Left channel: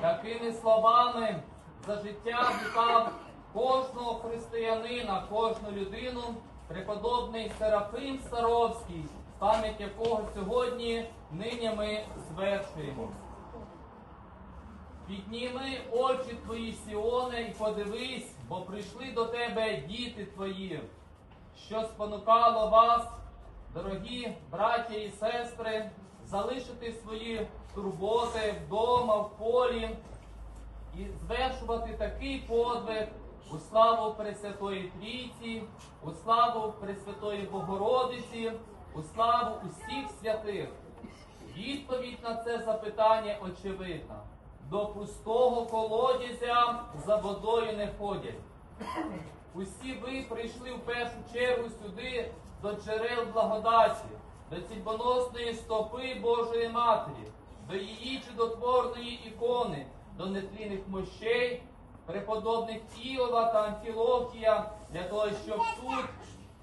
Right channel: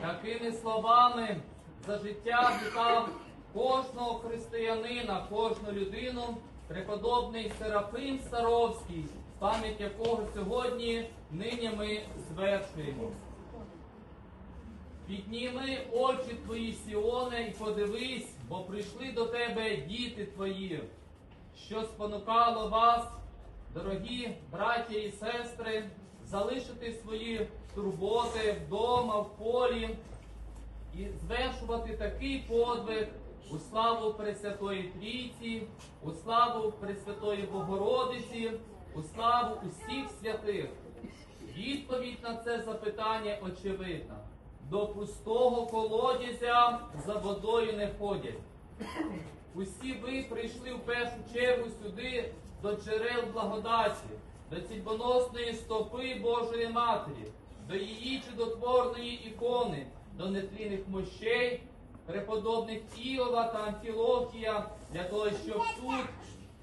Такими словами за життя вітав кожного християнина, кожну людину, преподобний Серафим Саровський, пам'ять якого сьогодні нині ми звершуємо. Підніми очі твої, Сіоне, і подивись, бо прийшли до тебе діти твої, що спонукало вас, дорогі браття і сестри, залишити свої турботи вдома, в полі і звершувати такий подвиг у славу Пресвятої Трійці, у славу Пресвятої Богородиці, у славу усіх святих. Відповідь на це запитання очевидна. До пустого колодязя за водою не ходять. Усі ви прийшли в першу чергу сюди до джерел благодаті, до цільбоносної стопи Божої Матері, до її чудотворної ікони, до нетлінних мощей, преподобних Іова та Антілохія, для того, щоб тут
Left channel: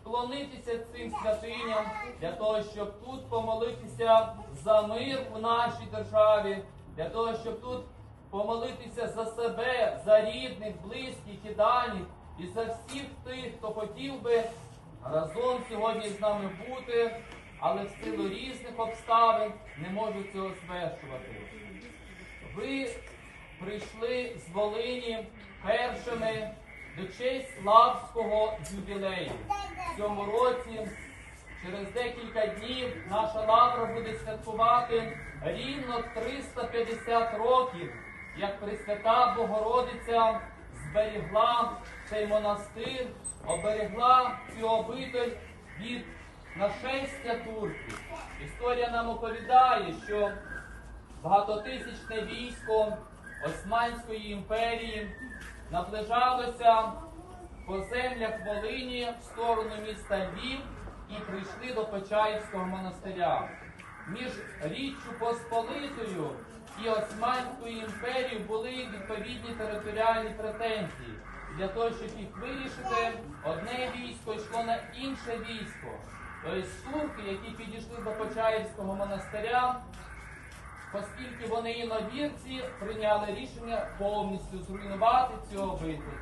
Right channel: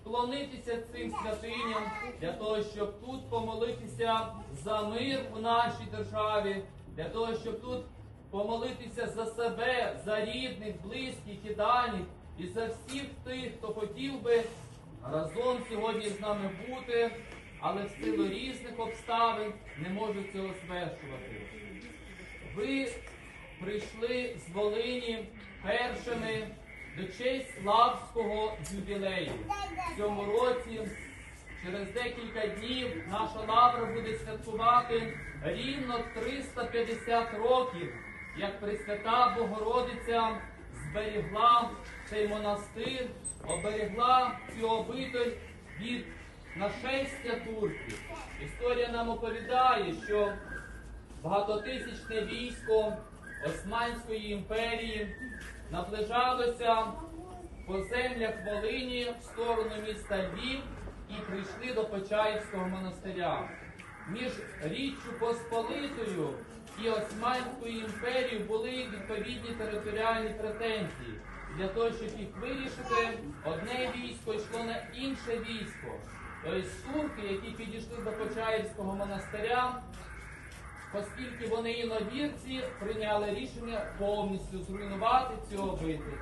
вклонитися цим святиням, для того, щоб тут помолитися за мир у нашій державі, для того, щоб тут помолитися за себе, за рідних, близьких і дальніх, і за всіх тих, хто хотів би разом сьогодні з нами бути, але в силу різних обставин не можуть цього звершувати. Ви прийшли з Волині першими до честь Славського ювілею. В цьому році, через декілька днів, наша лавра буде святкувати рівно 350 років, як Пресвята Богородиця зберігла цей монастир, оберегла цю обитель від нашестя турків. Історія нам оповідає, що багатотисячне військо Османської імперії наближалося по землях Волині в сторону міста Львів і прийшли до Почаївського монастиря. Між Річчю Посполитою і Османською імперією були відповідні територіальні претензії. Для того, щоб їх вирішити, одне військо йшло на інше військо. Тобто турки, які підійшли до Почаївського монастиря, оскільки вони іновірці прийняли рішення повністю зруйнувати цю обитель.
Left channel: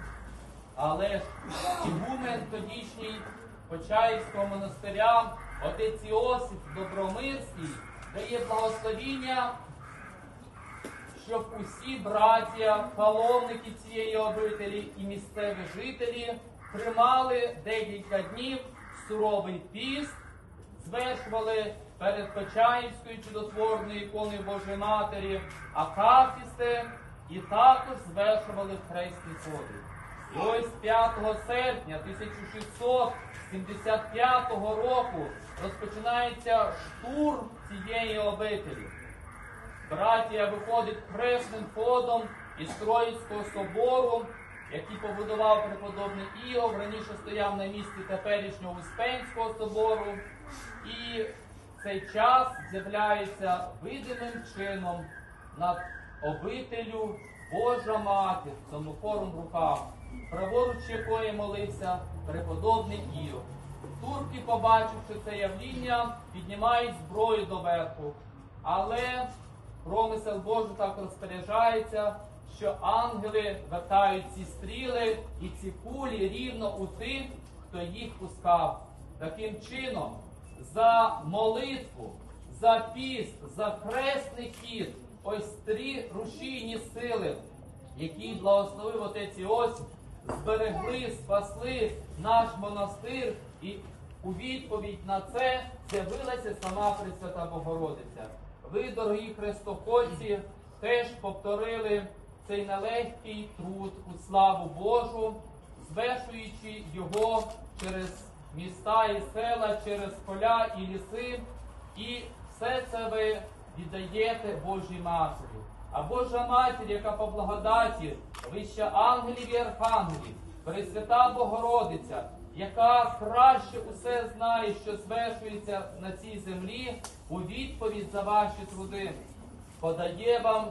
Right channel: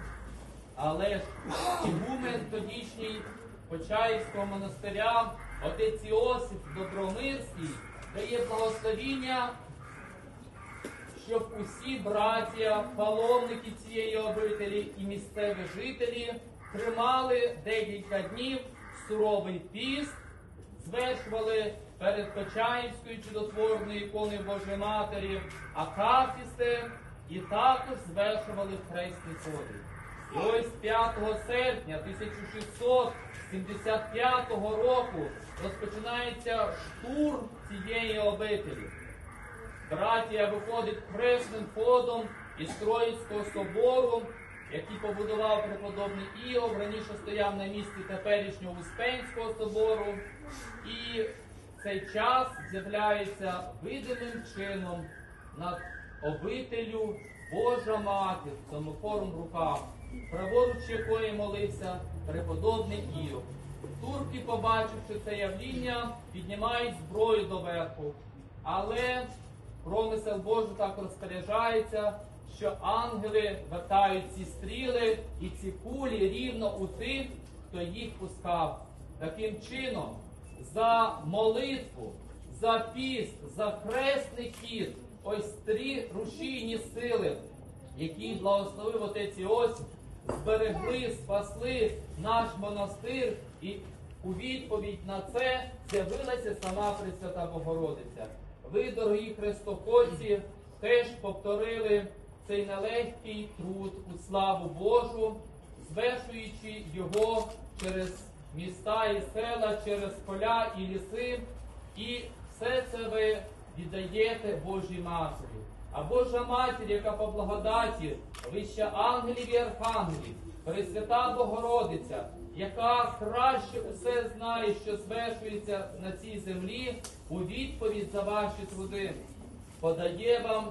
Але ж ігумен тодішній Почаївського монастиря, отець Іосиф Добромирський, дає благословіння, щоб усі браття, паломники цієї обителі і місцеві жителі тримали декілька днів суровий піст, звершували перед Почаївською чудотворною іконою Божої Матері, акафісти і також звершували хресні ходи. Ось 5 серпня 1675 року розпочинається штурм цієї обителі. Братія виходить хресним ходом із Троїцького собору, який побудував преподобний Іов, раніше стояв на місці теперішнього Успенського собору. І цей час з'являється видимим чином над обителю Божа цьому в руках, праворуч якої молився преподобний Іов. Турки, побачивши це явління, піднімають зброю доверху. Але промисел Божий так розпоряджається, що ангели вертають ці стріли і ці кулі рівно у тих, хто їх пускав. Таким чином, за молитву, за піст, за хресний хід, ось три рушійні сили, які благословив отець Іосиф, зберегли, спасли наш монастир, і у відповідь на це з'явилася сама Пресвята Богородиця. Ви, дорогі хрестоходці, теж повторили цей нелегкий труд у славу Божу, звершуючи його через міста і села, через поля і ліси, і все це ви віддаєте Божій Матері. А Божа Матір, яка по благодаті, вища ангелів і архангелів, Пресвята Богородиця, яка краще усе знає, що звершується на цій землі, у відповідь за ваші труди, подає вам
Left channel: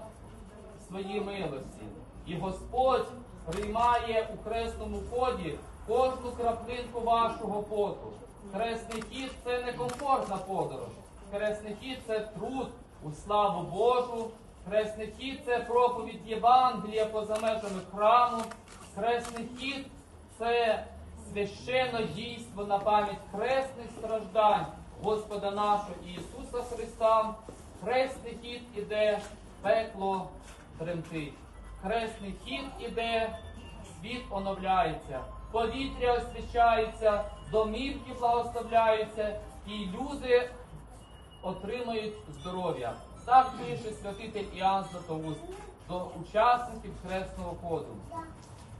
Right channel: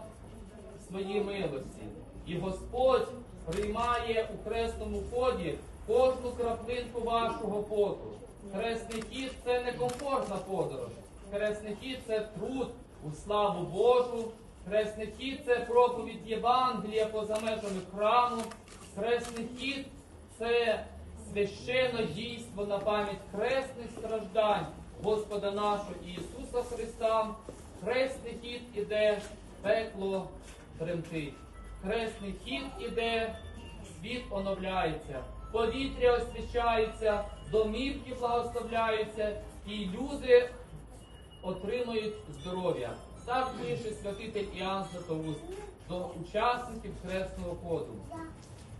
свої милості. І Господь приймає у хресному ході кожну краплинку вашого поту. Хресний хід це не комфортна подорож. Хресний хід це труд у славу Божу. Хресний хід це проповідь Євангелія поза межами храму. Хресний хід це священне дійство на пам'ять хресних страждань Господа нашого Ісуса Христа. Хресний хід іде, пекло тремтить. Хресний хід іде, світ оновляється, повітря освячається, домівки благословляються, і люди отримують здоров'я. Так пише святитель Іоанн Златоуст до учасників хресного ходу.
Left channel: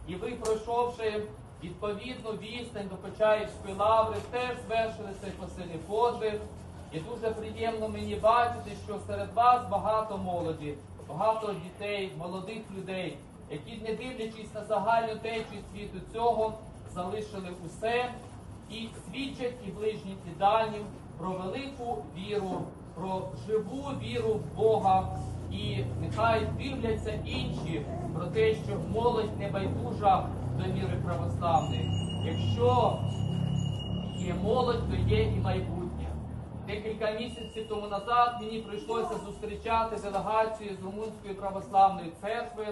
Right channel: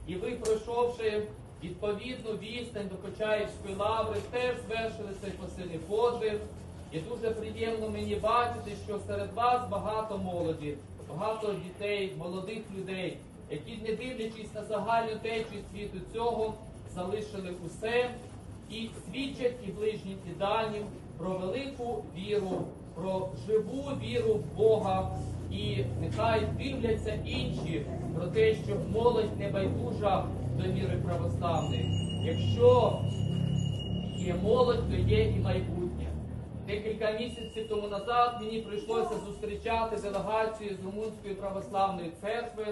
І ви, пройшовши відповідну відстань до Почаївської лаври, теж звершили цей посильний подвиг. І дуже приємно мені бачити, що серед вас багато молоді, багато дітей, молодих людей, які, не дивлячись на загальну течію світу цього, залишили усе і свідчать і ближнім, і дальнім про велику віру, про живу віру в Бога. І нехай дивляться інші про те, що молодь не байдужа до віри православної. Якщо є молодь, то є і майбутнє. Декілька місяців тому назад мені прийшлося зустрічати делегацію з Румунської православної церкви.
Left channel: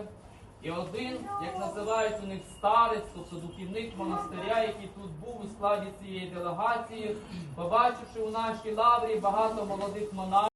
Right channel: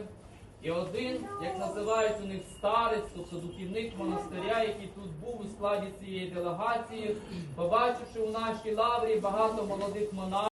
І один, як називають у них старець, тобто духівник монастиря, який тут був у складі цієї делегації, побачивши у нашій лаврі багато молодих монахів,